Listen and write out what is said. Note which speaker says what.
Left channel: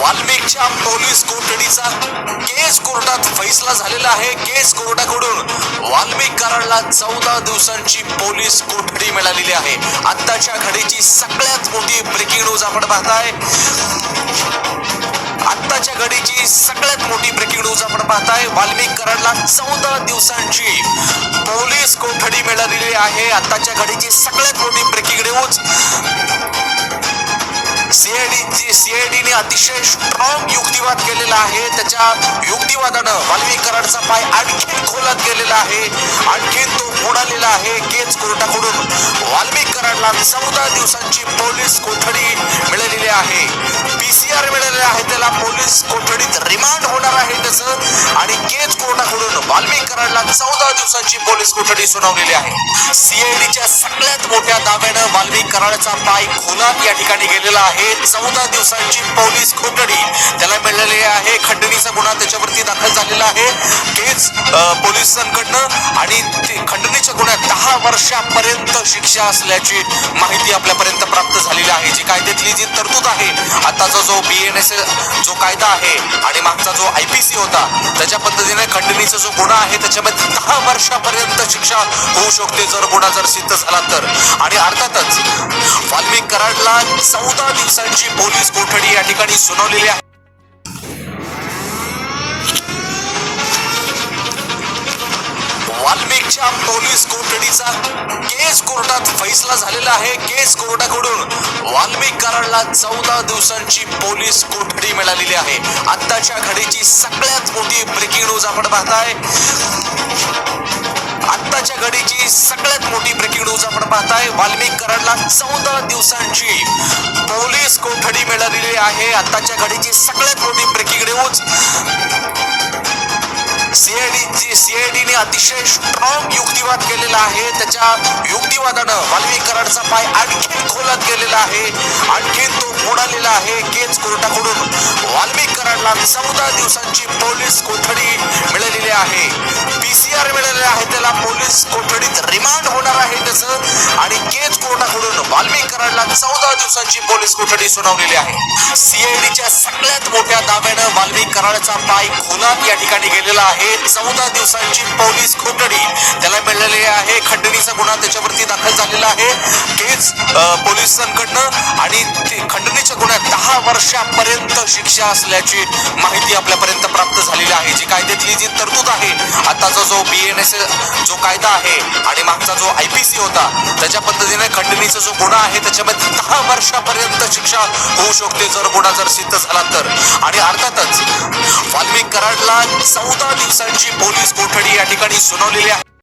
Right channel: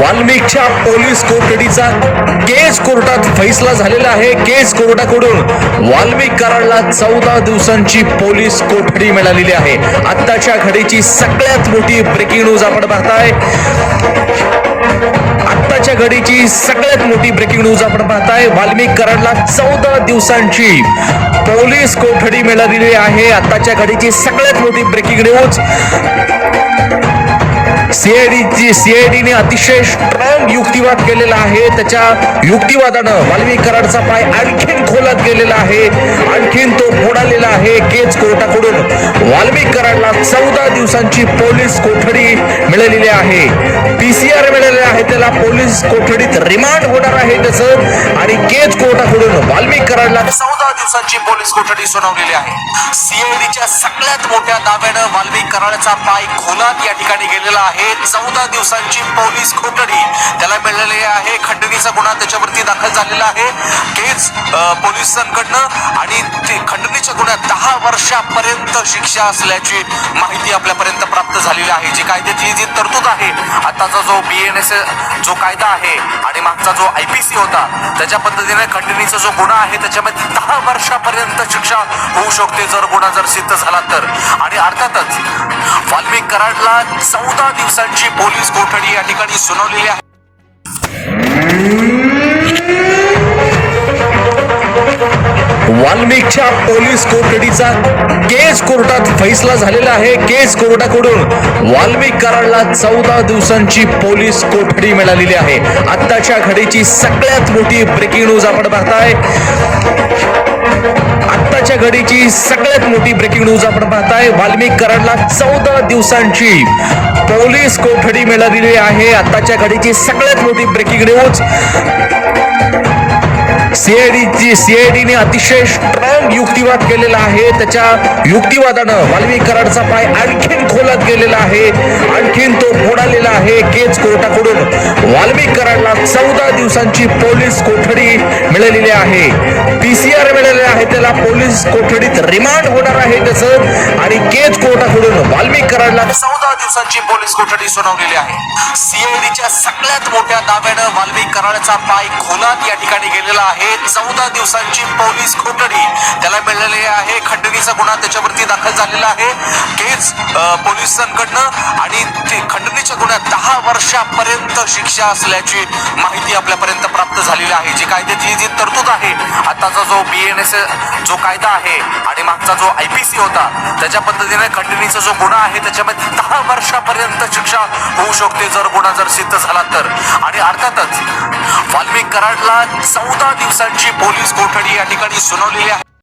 Speaker 1: वाल्मिकच्या police कोठडीचा केस कोर्टात फैसला झालेला आहे. केस कोर्टाकडून वाल्मिक चौदा दिवसांची पोलीस कोठडी मिळालेली आहे. आत्ताच्या घडीची सगळ्यात मोठी ब्रेकिंग न्यूज आपण पाहताय. आत्ताच्या घडीची सगळ्यात मोठी ब्रेकिंग न्यूज आपण पाहताय. वाल्मिक कराडला चौदा दिवसांची पोलीस कोठडी मिळालेली आहे. आत्ताच्या घडीची सगळ्यात मोठी ब्रेकिंग न्यूज सीआयडीची सीआयडीने अतिशय स्ट्रॉंग युक्तिवाद केलेला आहे. त्याच्या युक्तिवादानं वाल्मिक कराडचा पाय आणखीन खोलात गेलेला आहे. आणखीन तो फोडालेला आहे केज कोर्टाकडून. वाल्मिक कराडला चौदा दिवसांची पोलीस कोठडी मिळालेली आहे. पीसीआर मिळालेले आहे. त्याला पोलीस कोठडीत रिमांड होणार आहे तसं. आणि केज कराडला चौदा दिवसांची पोलीस कोठडी सुनावलेली आहे. सीआयडीच्या सगळ्यात मोठ्या दाव्यानं वाल्मी कराडचा पाय खोलात या ठिकाणी गेलेला आहे. चौदा दिवसांची पोलीस कोठडी त्याला मिळालेली आहे. खंडणीचा गुन्हा त्याच्यावरती दाखल झालेला आहे. केस पोलिसांकडनं आणि वर्षापर्यंत शिक्षा असल्याची माहिती आपल्यापर्यंत प्राप्त झालेली आहे. जी कायद्यातली जी तरतूद आहे आताचा जो बी एन एस जो कायदा आहे आणि मागचा जो आय पी सी होता त्याच्या पद्धतीने खंडणीचा जो गुन्हा आहे त्याच्यामध्ये दहा वर्षापर्यंत शिक्षा होऊ शकते जर गुन्हा जर सिद्ध झाला तर. आणि अर्थातच वाल्मिक कराडला चौदा दिवसांची पोलीस कोठडी या ठिकाणी सुनावलेली आहे. वाल्मिकच्या पोलीस कोठडीचा केस कोर्टात फैसला झालेला आहे. केस कोर्टाकडून वाल्मिक कराडला चौदा दिवसांची पोलीस कोठडी मिळालेली आहे. आत्ताच्या घडीची सगळ्यात मोठी ब्रेकिंग न्यूज आपण पाहताय. आत्ताच्या घडीची सगळ्यात मोठी ब्रेकिंग न्यूज आपण पाहताय. वाल्मिक कराडला चौदा दिवसांची पोलीस कोठडी मिळालेली आहे. आत्ताच्या घडीची सगळ्यात मोठी ब्रेकिंग न्यूज सीआयडीची सीआयडीने अतिशय स्ट्रॉंग युक्तिवाद केलेला आहे. त्याच्या युक्तिवादानं वाल्मिक कराडचा पाय आणखीन खोलत गेलेला आहे. आणखीन तो बुडालेला आहे केज कोर्टाकडून. वाल्मिक कराडला चौदा दिवसांची पोलीस कोठडी मिळालेली आहे. पीसीआर मिळालेले आहे. त्याला पोलीस कोठडीत रिमांड होणार आहे तसं. आणि केज कोर्टाकडून वाल्मिक कराडला चौदा दिवसांची पोलीस कोठडी सुनावलेली आहे. सीआयडीच्या सगळ्यात मोठ्या दाव्यानं वाल्मी कराडचा पाय खोलात या ठिकाणी गेलेला आहे. चौदा दिवसांची पोलीस कोठडी त्याला मिळालेली आहे. खंडणीचा गुन्हा त्याच्यावरती दाखल झालेला आहे. केस पोलिसांकडनं आणि ते खंडणीच्या गुन्ह्यात दहा वर्षापर्यंत शिक्षा असल्याची माहिती आपल्यापर्यंत प्राप्त झालेली आहे. जी कायद्यातली जी तरतूद आहे आताचा जो बी एन एस जो कायदा आहे आणि मागचा जो आय पी सी होता त्याच्या पद्धतीने खंडणीचा जो गुन्हा आहे त्याच्यामध्ये दहा वर्षापर्यंत शिक्षा होऊ शकते जर गुन्हा जर सिद्ध झाला तर. आणि अर्थातच वाल्मिक कराडला चौदा दिवसांची पोलीस कोठडी या ठिकाणी सुनावलेली आहे.